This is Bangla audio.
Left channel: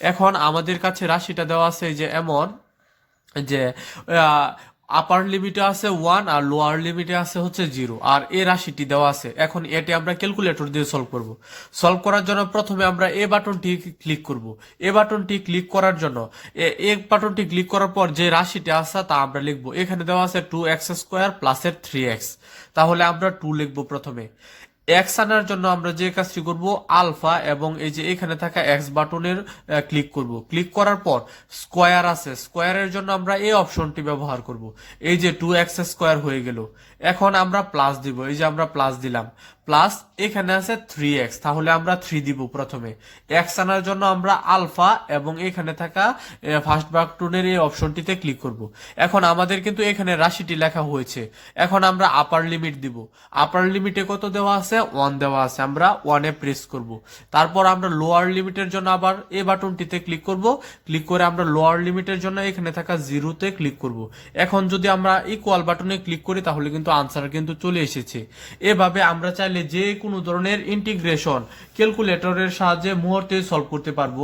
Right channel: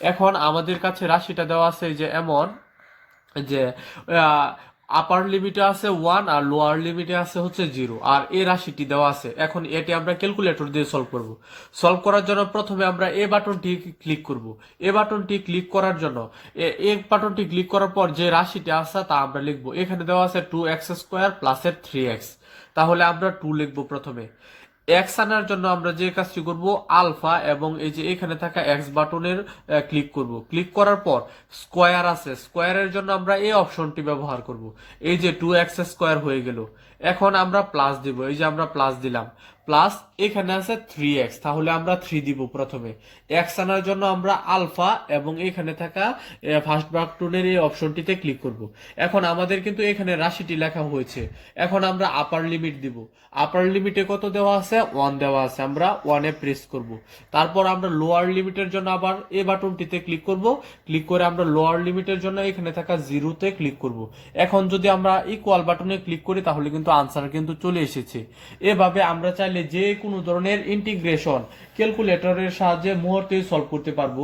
এখন আমাদের কাছে রাশিটা দেওয়া আছে যে এমন, যে আপার লিমিটে আছে ওয়ান আর লোয়ার লিমিটে আছে হচ্ছে জিরো আর এ রাশিটি দেওয়া আছে। এখন এটি আমরা ক্যালকুলেটর দিয়ে সলভ করব। সলভ করার জন্য প্রথমে আমরা এ বাটনটি ক্লিক করব। এ বাটনটি ক্লিক করার জন্য, এ- বাটনটি ক্লিক করার পর যে রাশিটি আছে তা আমরা লিখব। এখানে দেওয়া আছে টু এক্স স্কোয়ার প্লাসের থ্রি এক্স তাহলে আমরা টু লিখব প্রথমে। এক্স আনার জন্য আমরা যে কাজটি করব, আলফা এবং এই যে এখানে থাকা এক্স বাটনের ক্লিক করব। ক্লিক করার পর স্কোয়ার আছে। স্কোয়ারের জন্য আমরা এই অপশনটি ব্যবহার করব। এই যে টু এক্স স্কোয়ার হয়ে গেল। এখন আমরা প্লাস দিব। এই যে আমরা প্লাস দিলাম। প্লাস এখানে আছে থ্রি এক্স তাহলে আমরা থ্রি দিব প্রথমে। এক্স আনার জন্য আমরা আলফা এবং এখানে থাকা ফার্স্ট বাটনের এই অপশনটিতে ক্লিক করব। এখন আমাদের কিন্তু এখানে রাশিটি লেখা হয়েছে। এখন আমরা আপার লিমিট দিব। আপার লিমিটে কত দেওয়া আছে? ওয়ান দেওয়া আছে। আমরা ওয়ানে প্রেস করব। তারপর আমরা লোয়ার লিমিটের জন্য আবার এ বাটনটিতে ক্লিক করব। ক্লিক করে আমরা লোয়ার লিমিটের জন্য এখানে থাকা জিরোতে ক্লিক করব। এখন যদি আমরা ইকুয়াল বাটনে ক্লিক করি, তাহলে কিন্তু আনসার কিন্তু চলে এসেছে। এভাবে আমরা চাইলে যে কোনো ধরনের ইন্টিগ্রেশন ক্যালকুলেটরের সাহায্যে মুহূর্তে সলভ করতে পারব।